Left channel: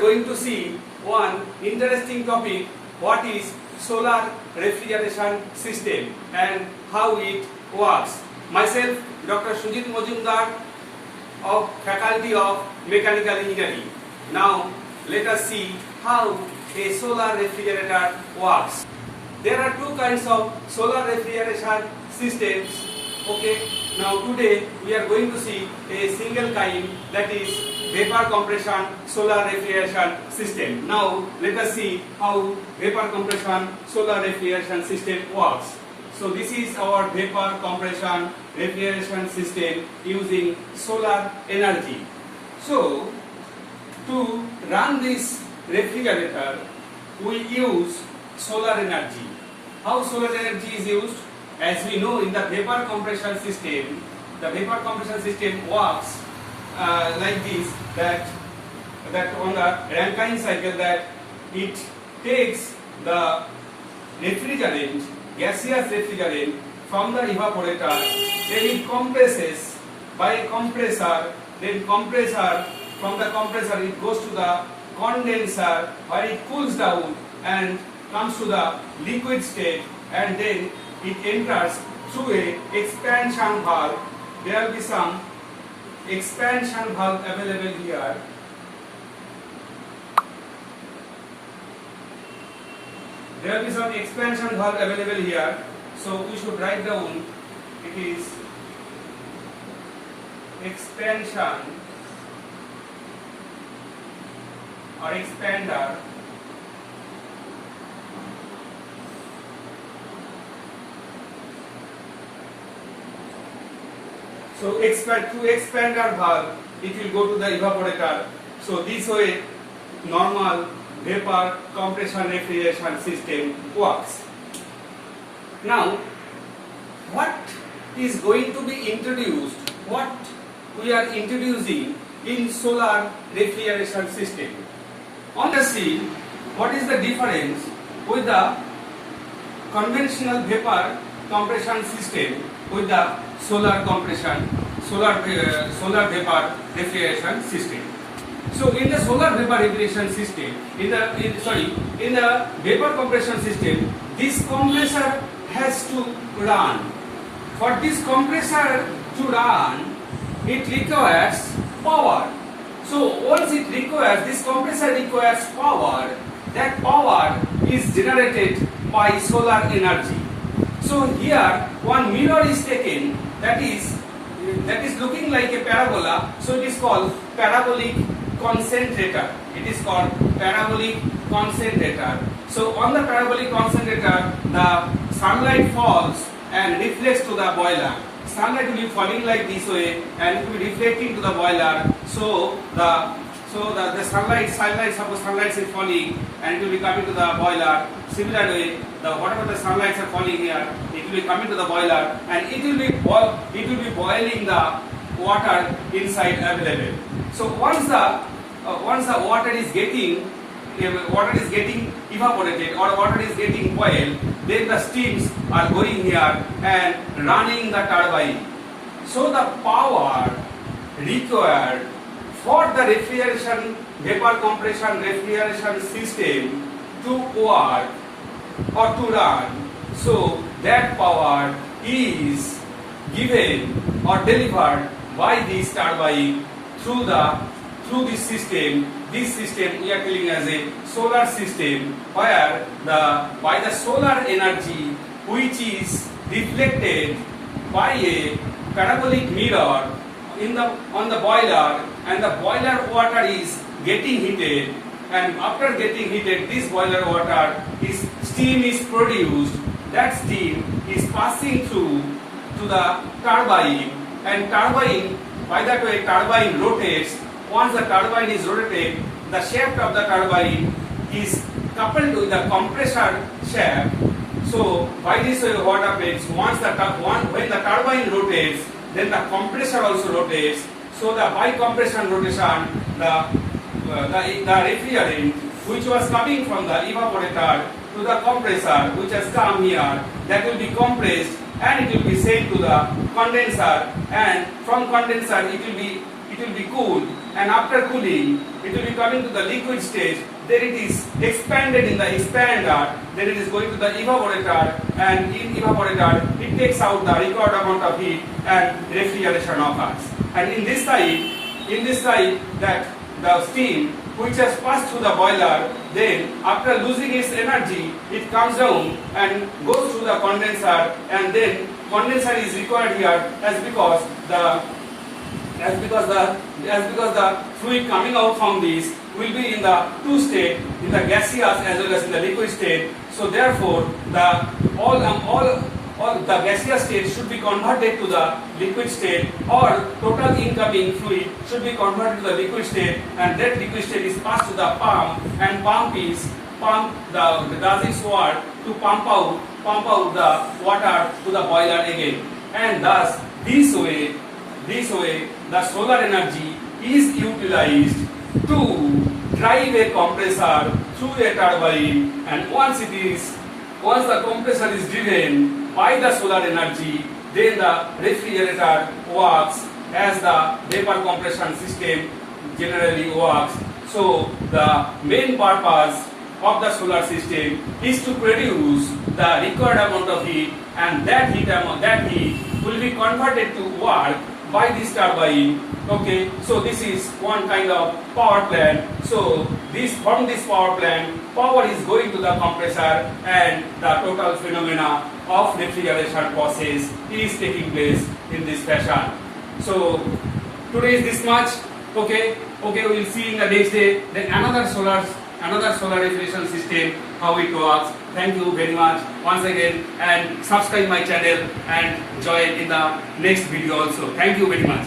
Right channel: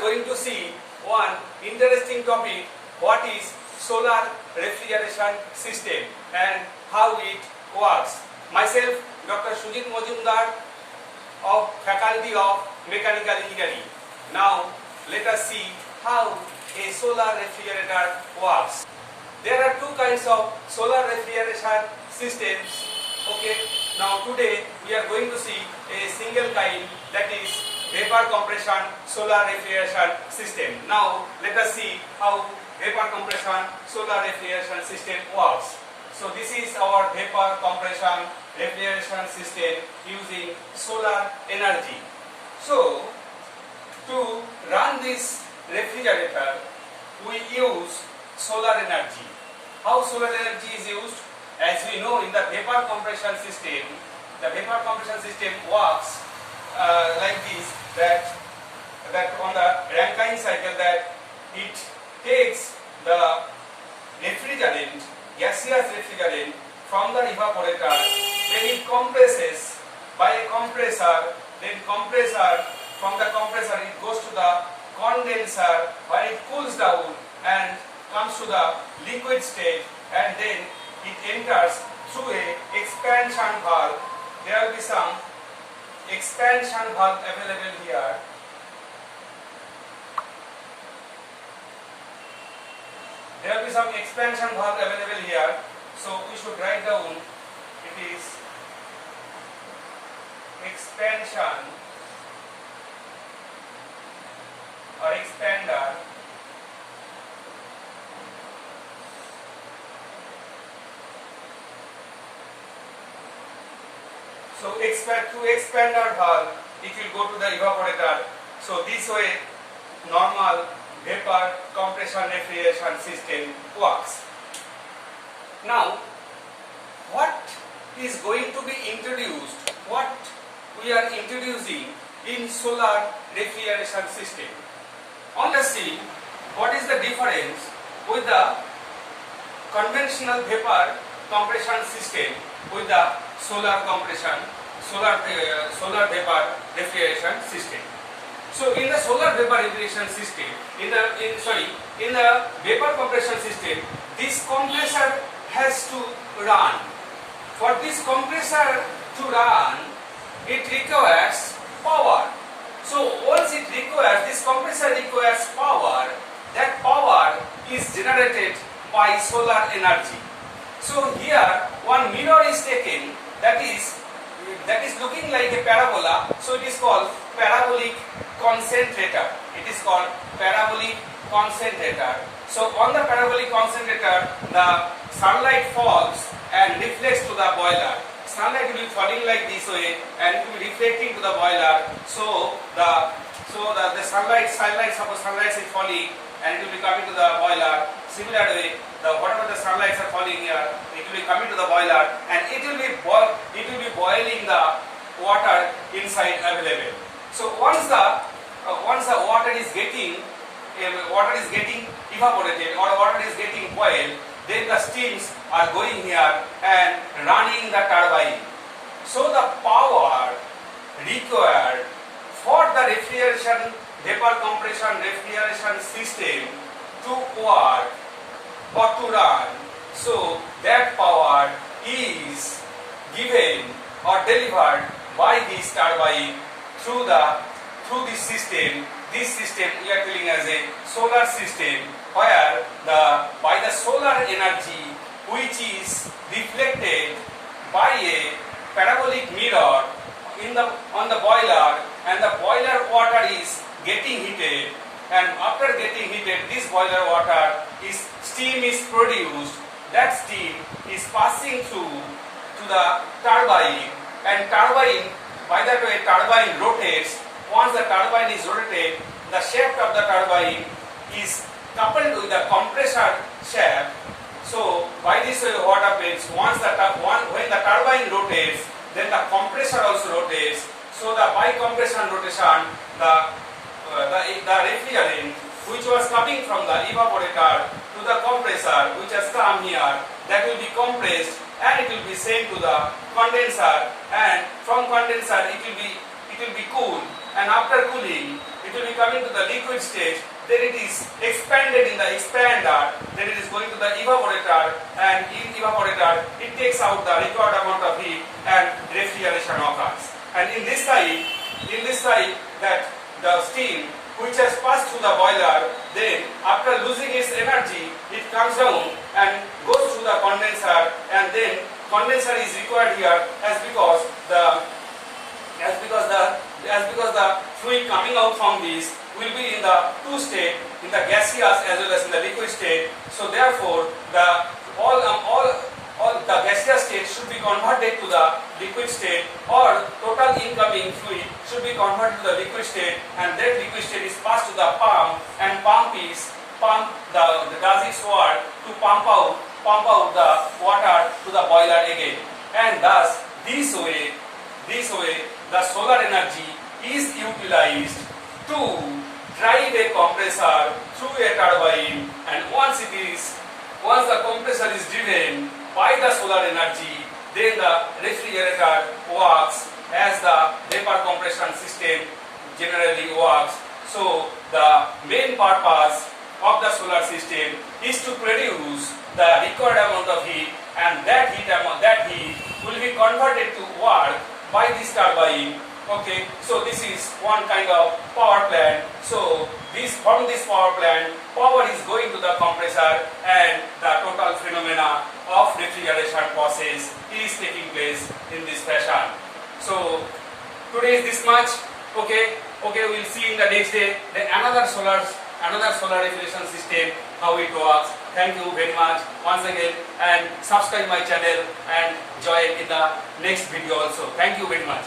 going to see one interesting topic, what is solar refrigeration system and how it works. Myself, Dr. Sujit Mojumdar of Faculty of Mechanical Engineering. Now let us see how a solar refrigerator works. There are two kinds of solar refrigeration systems. Okay, now today we are going to see a single kind, that is vapor compression solar refrigeration system. Now let us see how vapor compression solar refrigeration system works. So this is our vapor compression refrigeration system using solar energy. So to run this refrigerator we use solar energy. How solar energy is used? As we know, in the vapor compression system, the vapor compression system works like this, that on the Rankine cycle, that it takes the refrigerant, gaseous refrigerant from the evaporator, then it compresses by a compressor, then from the compressor it goes to the condenser where it cools down and comes to the liquid state, and then it enters through a expansion valve. There will be some expansion valve available here. There will be some expansion valve available here. So we should write down, it is expansion or expander. So through expander valve, it will go to the evaporator. So this way, normal vapor compression refrigeration system works. Now, what is going to be introduced? What we are introducing in solar refrigeration system? Let us see what is the difference with the conventional vapor compression system with the solar vapor refrigeration system. So in the solar vapor refrigeration system, in the vapor compression system, this compressor has to run. For this compressor to run, it requires power. So once it requires, this compressor requires power, that power is generated by solar energy. So here one mirror is taken, that is looking like a parabola, so it is called parabolic concentrator. It is called parabolic concentrator. So on the parabolic concentrator, the sunlight falls and reflects to the boiler. Sunlight will be falling like this way and it will be reflecting to the boiler. So the sunlight, suppose sunlight is falling and it will be coming to the boiler. Similar way, whatever the sunlights are falling here, it will be coming to the boiler and it will be boiling the water inside available. So once the water is getting evaporated or water is getting boiled, then the steams are going here and running the turbine. So the power required for the vapor compression refrigeration system to work or to run, so that power is given or delivered by this turbine through this system. This system we are calling as a solar system, where by the solar energy which is reflected by a parabolic mirror on the boiler, and the boiler water is getting heated, and after getting heated, this boiler water steam is produced. That steam is passing through to the turbine, and turbine, by that way turbine rotates. Once the turbine is rotated, the shaft of the turbine is coupled with the compressor shaft. So by this way what happens, when the turbine rotates, then the compressor also rotates. So by compression rotation, the refrigerant which was coming from the evaporator to the compressor, which has come here, that will be compressed and it will be sent to the condenser, and from condenser it will be cooled and after cooling it will be coming to the liquid stage, then it is expanded in the expander, then it is going to the evaporator, and in evaporator it takes out the required amount of heat and refrigeration occurs. And in this side that the steam which has passed through the boiler, then after losing its energy it comes down and goes through the condenser, and then condenser is required here as because the fluid coming out from this will be in the two state, in the gaseous as well as in the liquid state. So therefore all the gaseous state should be converted to the liquid state, or total incoming fluid should be converted to the liquid state, and that liquid state is passed to the pump, and pump does its work to pump out the water to the boiler again. And thus this way the solar energy is utilized to drive a compressor through a turbine, and once the compressor is driven by the solar energy, then the refrigerator works as the vapor compression system generally works. So the main purpose of the solar system is to produce the required amount of heat, and that heat will be converted to work by this turbine. Okay, so this is one kind of power plant. So from this power plant, power is going to the compressor, and the total phenomena of refrigeration process is taking place in this fashion. So today is this much. Okay, we will see in the next day then another solar refrigeration system, how it works. Thank you very much once again, and subscribe my channel and join in the next video also. Thank you very much.